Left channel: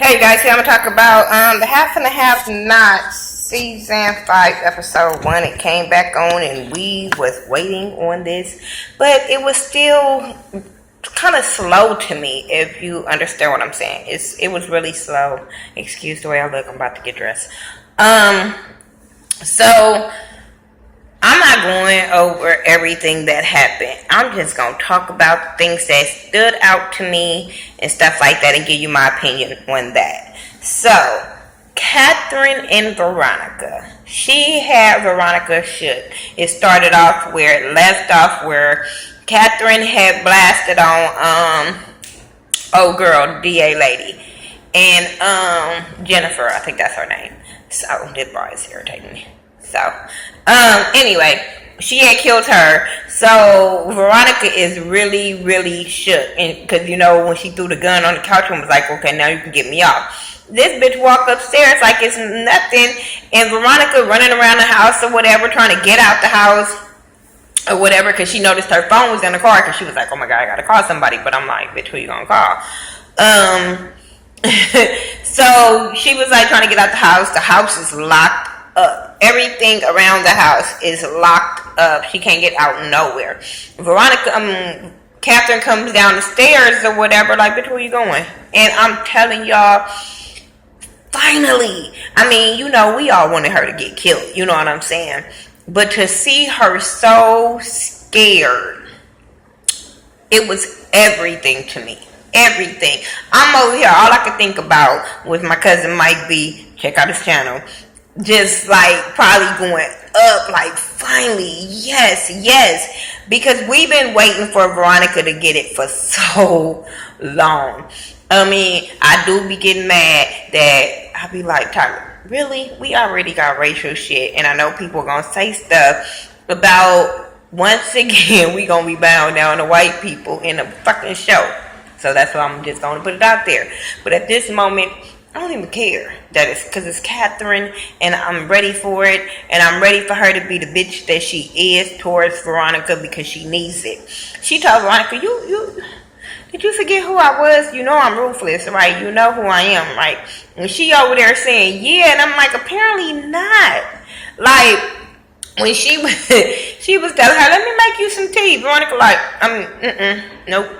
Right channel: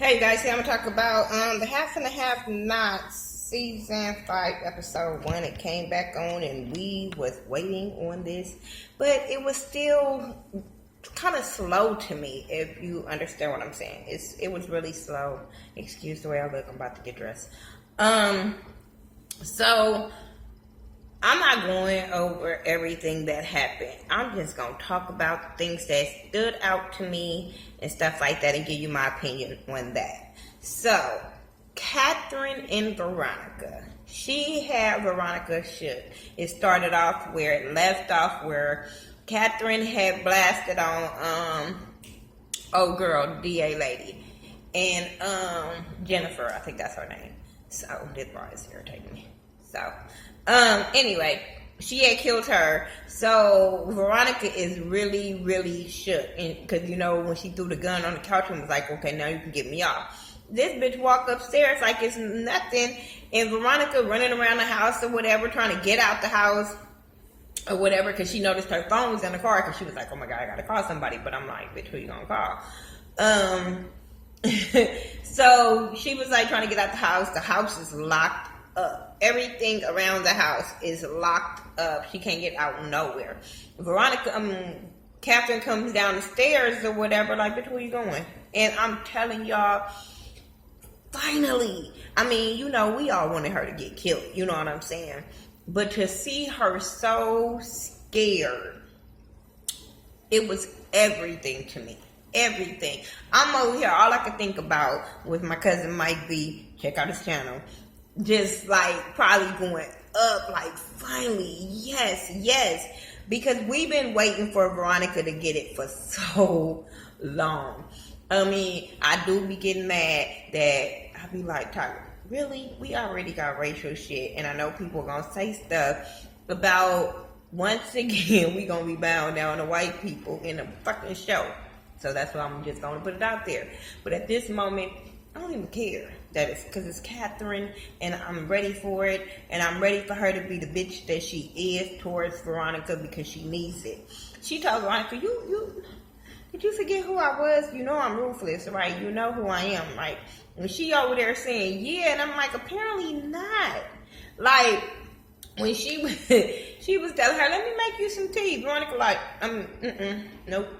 Hey guys, here I'm gonna talk about the Half and a Half Knots season 5 episode 1. It came back on and we was waiting on this, but it was still kind of slow to me. If you understand what I'm saying, it was really slow. Excuse the way I look. I'm about to get dressed. So I'm not going over everything that happened. I'm just going to talk about things that stood out to me and stuff like that and give you my opinion on that. So, Catherine and Veronica. She had Veronica shook. It started off where it left off, where Catherine had blasted on old girl, DA lady, and Jennifer, I think that's her name. So, this bar is irritating me. So, anyway, she had killed her. So Veronica is really, really shook, because when she threw the gun on the couch and was like, "Okay, now you can get me off." This bitch walked upstairs like it's nothing, and Veronica running around the house or whatever, trying to get out the house or whatever, because she noticed her phone was in the car, because she was like, "Oh my god, I gotta call somebody." But I'm like, "Bitch, who you gonna call?" So she was like trying to get out the house. The house is locked up. Everything around the house is locked up. She can't get out nowhere. Catherine comes down the stairs or whatever, like, "Bitch, where you going?" And I'm telling y'all, finally, we all wanted her to get killed. You know what I'm saying? But to see her so scared, it was everything to me. Everything. I'm over here, all I could think about was my cousin Mike B. Check out his channel. Just like probably going up, like, finally, yes, because we've been waiting for Veronica to get it for so long. I do be getting mad that I be like, "Tyler, really? We already got racial shit," and I know people are gonna say stuff about, once again, we gonna be bound down to white people in a fucking show. So that's why I'm just gonna put it out there. But at this moment, I don't even care that it's because it's Catherine, and I'm ready for it, and I'm ready for her to be the bitch that she is towards Veronica, because she needs it. She told Veronica, did you forget who I was? You know I'm ruthless, right? You know who I am, right? And she over there saying, "Yeah," and I'm like, apparently not. Like, when she was telling her, "Let me make you some tea," Veronica like, nope.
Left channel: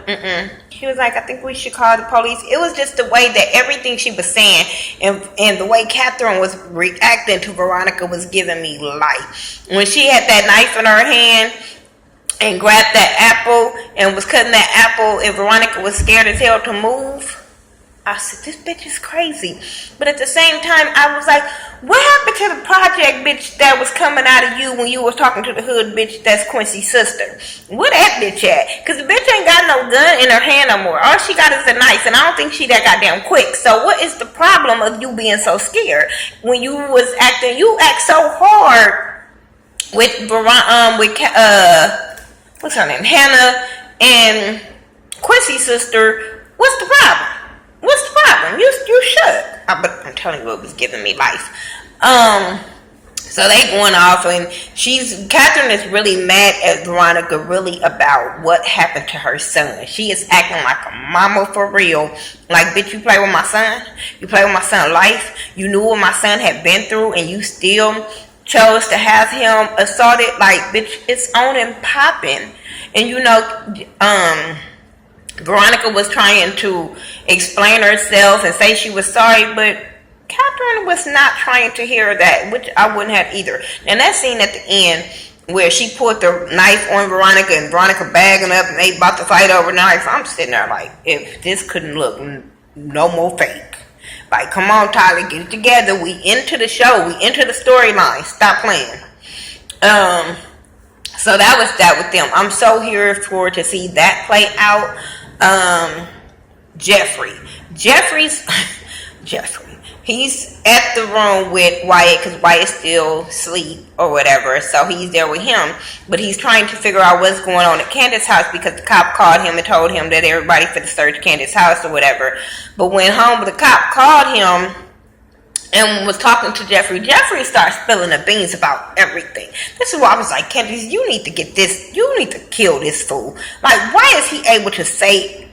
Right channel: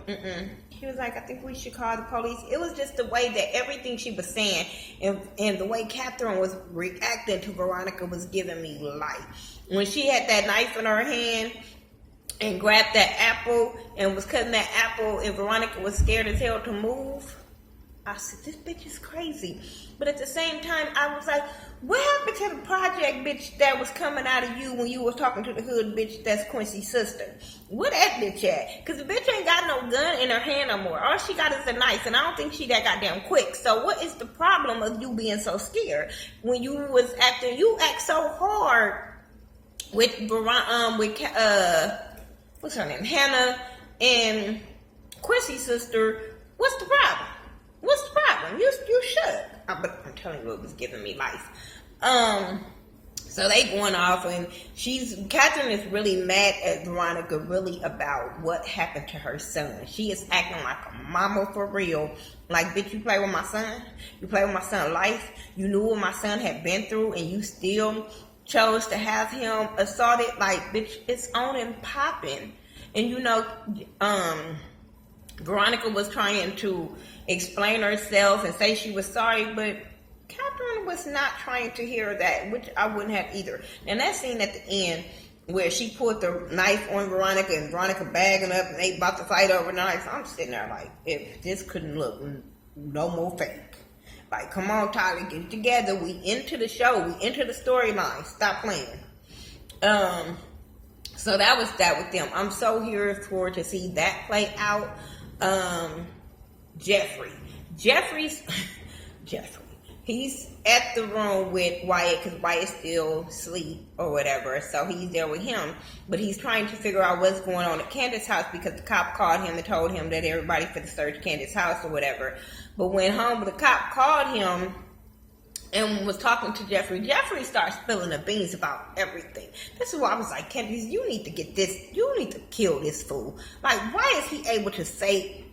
She was like, "I think we should call the police." It was just the way that everything she was saying and the way Catherine was reacting to Veronica was giving me life. When she had that knife in her hand and grabbed that apple and was cutting that apple, and Veronica was scared as hell to move, I said, this bitch is crazy. But at the same time, I was like, what happened to the project bitch that was coming out of you when you was talking to the hood bitch that's Quincy's sister? Where that bitch at? Because the bitch ain't got no gun in her hand no more. All she got is a knife, and I don't think she that goddamn quick. So what is the problem of you being so scared? When you act so hard with what's her name? Hannah and Quincy's sister. What's the problem? What's the problem? You should. But I'm telling you, it was giving me life. So they going off, and Catherine is really mad at Veronica, really, about what happened to her son. She is acting like a mama for real. Like, bitch, you play with my son? You play with my son's life? You knew what my son had been through, and you still chose to have him assaulted? Like, bitch, it's on and popping. And Veronica was trying to explain herself and say she was sorry, but Catherine was not trying to hear that, which I wouldn't have either. And that scene at the end where she put the knife on Veronica and Veronica bagging up and they about to fight over knife, I'm sitting there like, if this couldn't look no more fake. Like, come on, Tyler, get it together. We into the show. We into the storyline. Stop playing. So that was that with them. I'm so here for to see that play out. Jeffrey, he's at the room with Wyatt, because Wyatt's still asleep or whatever, so he's there with him, but he's trying to figure out what's going on at Candace's house, because the cop called him and told him that everybody for the search Candace's house or whatever. But when the cop called him and was talking to Jeffrey starts spilling the beans about everything. This is why I was like, Candace, you need to kill this fool. Like, why is he able to say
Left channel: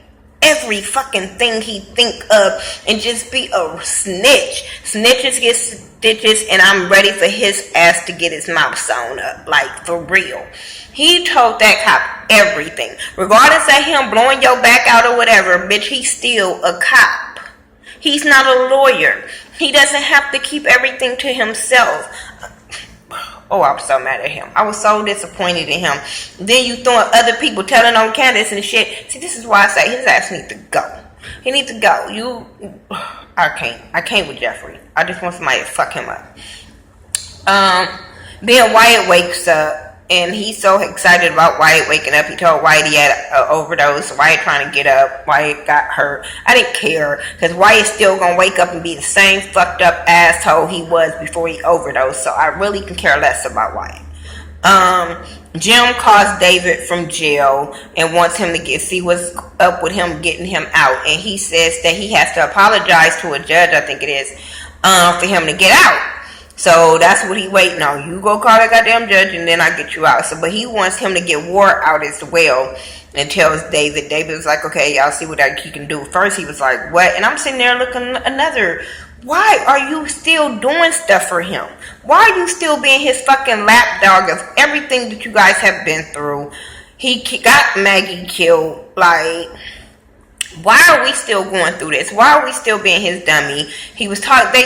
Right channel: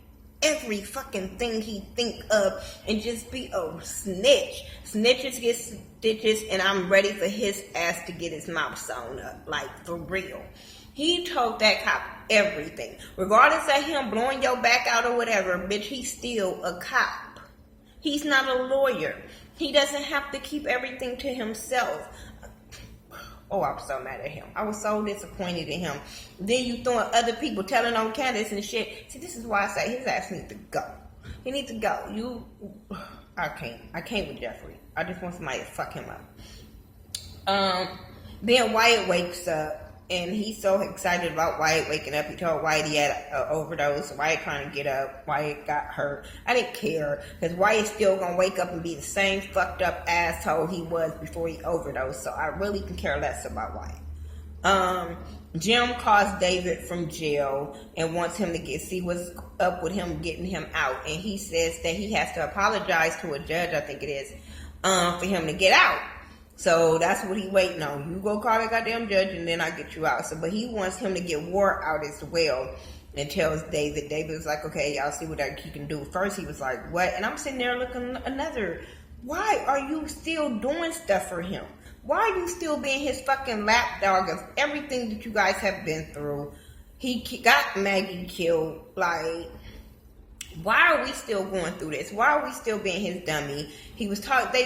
every fucking thing he think of and just be a snitch. Snitches get stitches, and I'm ready for his ass to get his mouth sewn up, like for real. He told that cop everything, regardless of him blowing your back out or whatever. Bitch, he's still a cop. He's not a lawyer. He doesn't have to keep everything to himself. Oh, I was so mad at him. I was so disappointed in him. Then you throwing other people telling on Candace and shit. See, this is why I say his ass needs to go. He needs to go. I can't with Jeffrey. I just want somebody to fuck him up. Then Wyatt wakes up. And he's so excited about Wyatt waking up. He told Wyatt he had an overdose. Wyatt trying to get up. Wyatt got hurt. I didn't care. Because Wyatt's still going to wake up and be the same fucked up asshole he was before he overdosed. So I really can care less about Wyatt. Jim calls David from jail and wants him to see what's up with him getting him out. And he says that he has to apologize to a judge, I think it is, for him to get out. So that's what he waiting on. You go call that goddamn judge and then I get you out. So, but he wants him to get Ward out as well and tells David. David was like, okay, y'all see what he can do. First he was like, what? And I'm sitting there looking another. Why are you still doing stuff for him? Why are you still being his fucking lapdog of everything that you guys have been through? He got Maggie killed. Like, why are we still going through this? Why are we still being his dummy? He was talking,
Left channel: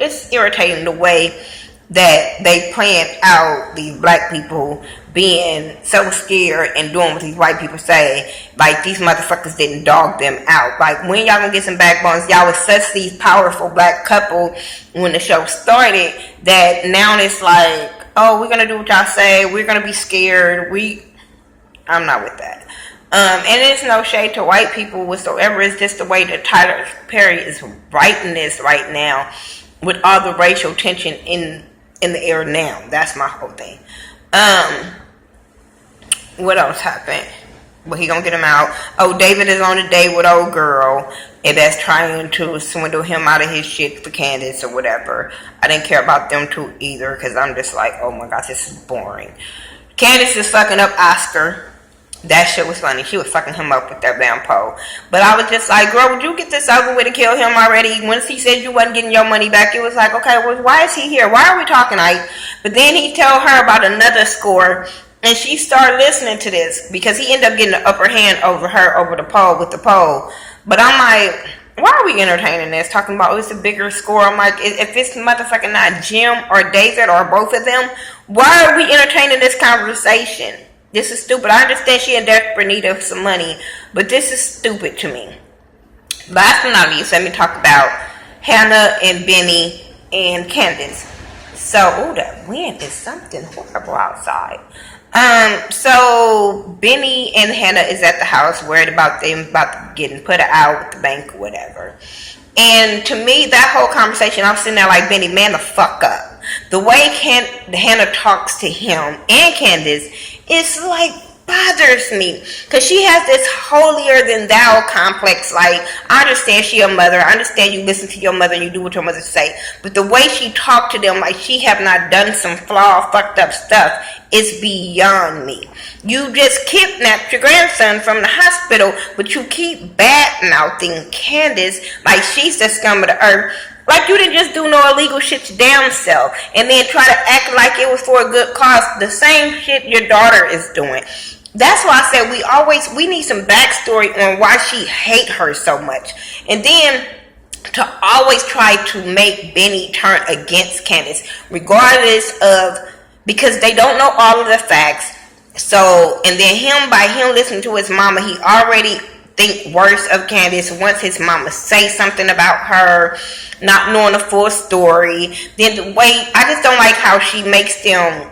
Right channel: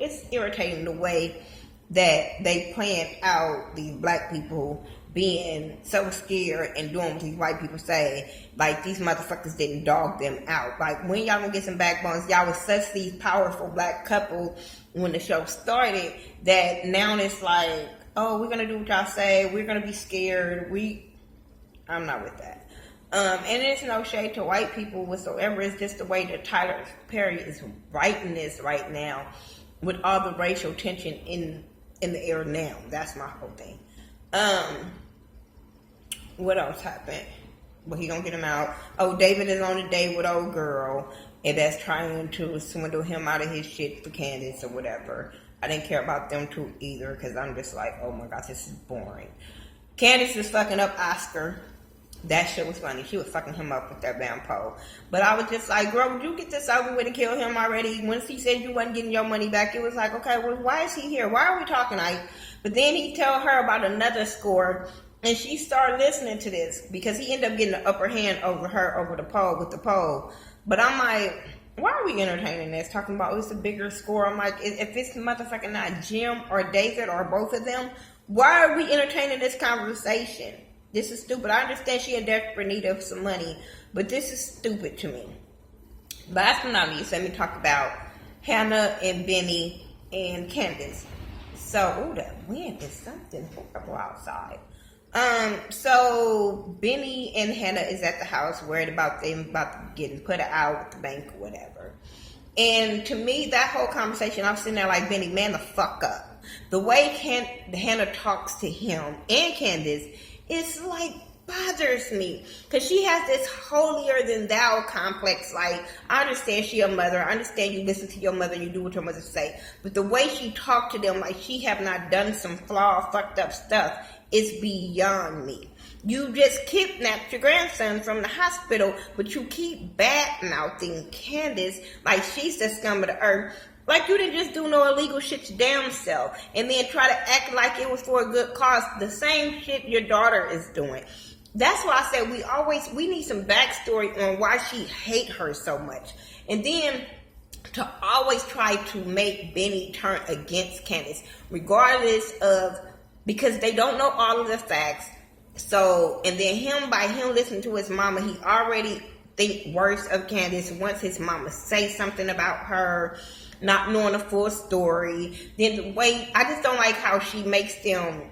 it's irritating the way that they planned out these black people being so scared and doing what these white people say. Like, these motherfuckers didn't dog them out. Like, when y'all gonna get some backbones? Y'all was such these powerful black couple when the show started that now it's like, oh, we're gonna do what y'all say. We're gonna be scared. I'm not with that. And it's no shade to white people whatsoever. It's just the way that Tyler Perry is writing this right now, with all the racial tension in the air now. That's my whole thing. What else happened? Well, he gonna get him out. Oh, David is on a date with old girl, and that's trying to swindle him out of his shit for Candace or whatever. I didn't care about them two either, because I'm just like, oh my gosh, this is boring. Candace is fucking up Oscar. That shit was funny. She was fucking him up with that damn pole. But I was just like, girl, would you get this over with and kill him already? Once he said you wasn't getting your money back, it was like, okay, well, why is he here? Why are we talking? But then he told her about another score, and she started listening to this because he ended up getting the upper hand over her, over the pole, with the pole. But I'm like, why are we entertaining this? Talking about, oh, it's a bigger score. I'm like, if it's motherfucking not Jim or David or both of them, why are we entertaining this conversation? This is stupid. I understand she in desperate need of some money, but this is stupid to me. Last but not least, let me talk about Hannah and Benny and Candace. So, oh, that wind is something horrible outside. So Benny and Hannah is at the house, worried about them about getting put out with the bank or whatever. And to me, that whole conversation, I'm sitting there like, Benny, man the fuck up. The way Hannah talks to him and Candace, it's like bothers me, because she has this holier than thou complex. Like, I understand she a mother, I understand you listen to your mother and you do what your mother say, but the way she talked to them like she have not done some flawed, fucked up stuff is beyond me. You just kidnapped your grandson from the hospital, but you keep bad-mouthing Candace like she's the scum of the earth. Like, you didn't just do no illegal shit your damn self and then try to act like it was for a good cause. The same shit your daughter is doing. That's why I said we need some backstory on why she hate her so much. And then to always try to make Benny turn against Candace, regardless of, because they don't know all of the facts. So, and then by him listening to his mama, he already think worse of Candace once his mama say something about her, not knowing the full story. Then the way, I just don't like how she makes them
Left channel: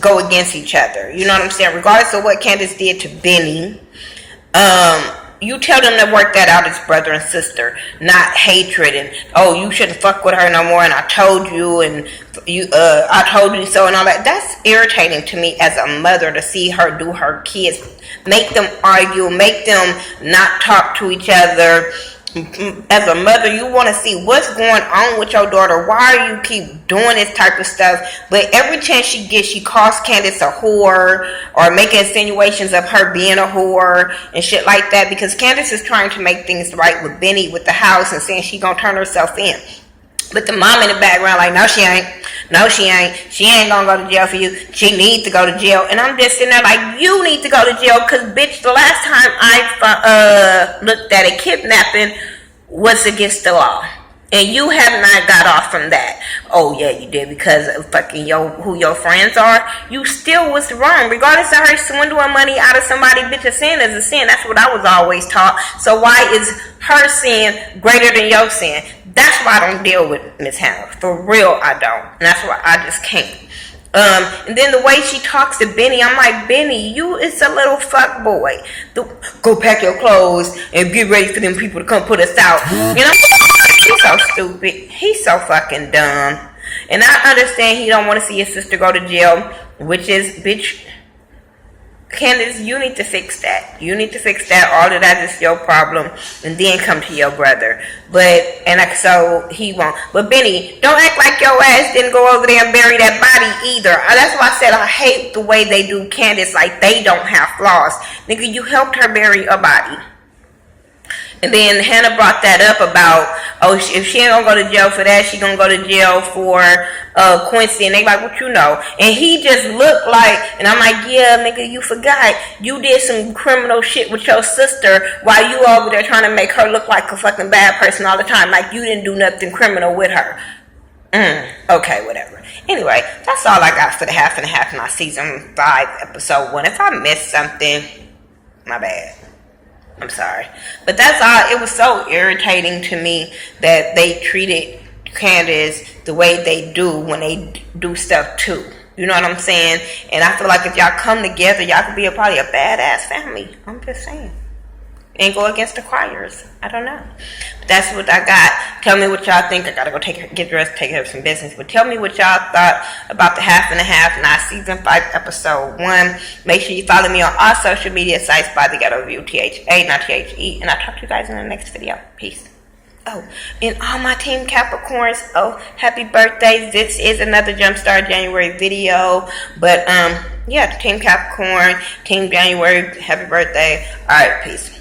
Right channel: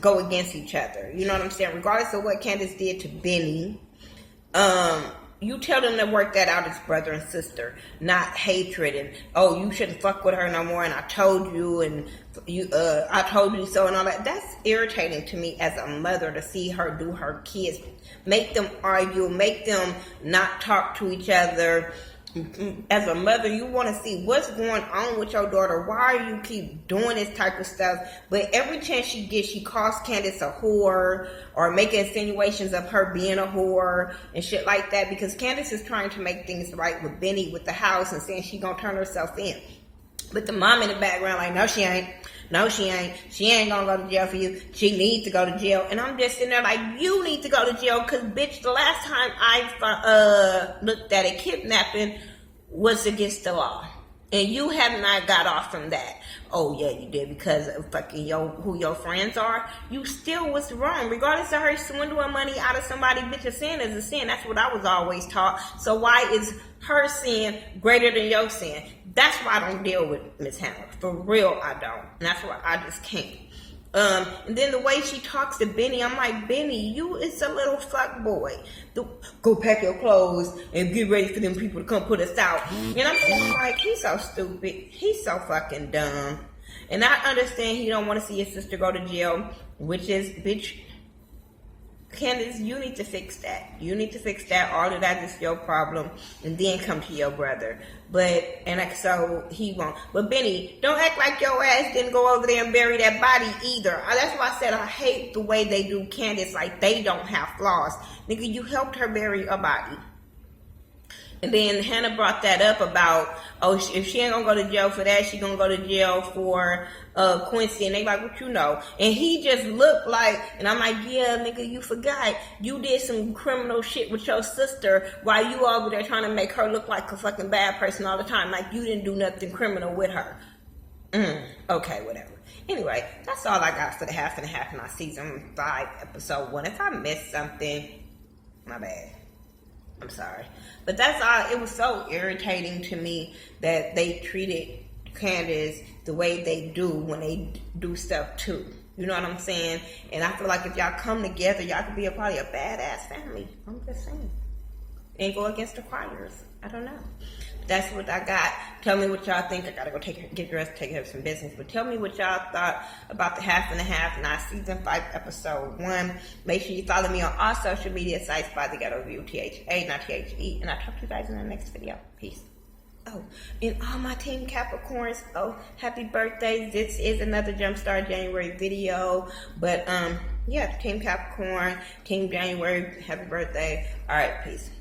go against each other. You know what I'm saying? Regardless of what Candace did to Benny, you tell them to work that out as brother and sister, not hatred and, oh, you shouldn't fuck with her no more, and I told you, and I told you so, and all that. That's irritating to me as a mother, to see her do her kids, make them argue, make them not talk to each other, as a mother, you want to see what's going on with your daughter. Why you keep doing this type of stuff? But every chance she gets, she calls Candace a whore or making insinuations of her being a whore and shit like that, because Candace is trying to make things right with Benny with the house and saying she gonna turn herself in. But the mom in the background like, no, she ain't. No, she ain't. She ain't gonna go to jail for you. She needs to go to jail. And I'm just sitting there like, you need to go to jail, because, bitch, the last time I looked at it, kidnapping was against the law. And you have not got off from that. Oh, yeah, you did, because of fucking who your friends are. You still was wrong. Regardless of her swindling money out of somebody, bitch, a sin is a sin. That's what I was always taught. So why is her sin greater than your sin? That's why I don't deal with Miss Hannah. For real, I don't. And that's why I just can't. And then the way she talks to Benny, I'm like, Benny, you is a little fuck boy. Go pack your clothes and get ready for them people to come put us out. You know, he's so stupid. He's so fucking dumb. And I understand he don't want to see his sister go to jail, which is, bitch, Candace, you need to fix that. You need to fix that. All of that is your problem. And then come to your brother. So he won't. But Benny, don't act like your ass didn't go over there and bury that body either. That's why I said I hate the way they do Candace, like they don't have flaws. Nigga, you helped her bury a body. And then Hannah brought that up about, if she ain't gonna go to jail for that, she gonna go to jail for Quincy. And they like, what you know? And he just looked like, and I'm like, yeah, nigga, you forgot. You did some criminal shit with your sister while you over there trying to make her look like a fucking bad person all the time. Like you didn't do nothing criminal with her. Okay, whatever. Anyway, that's all I got for the half and a half in our season 5, episode 1. If I missed something, my bad. I'm sorry. But that's all. It was so irritating to me that they treated Candace the way they do when they do stuff too. You know what I'm saying? And I feel like if y'all come together, y'all could be probably a badass family. I'm just saying. And go against the choirs. I don't know. But that's what I got. Tell me what y'all think. I gotta go get dressed, take care of some business. But tell me what y'all thought about the half and a half, not season 5, episode 1. Make sure you follow me on all social media sites by Thaghettoview, THA, not THE. And I'll talk to you guys in the next video. Peace. Oh, and all my Team Capricorns, happy birthday. This is another Jumpstart January video. But, yeah, Team Capricorn, Team January, happy birthday. All right, peace.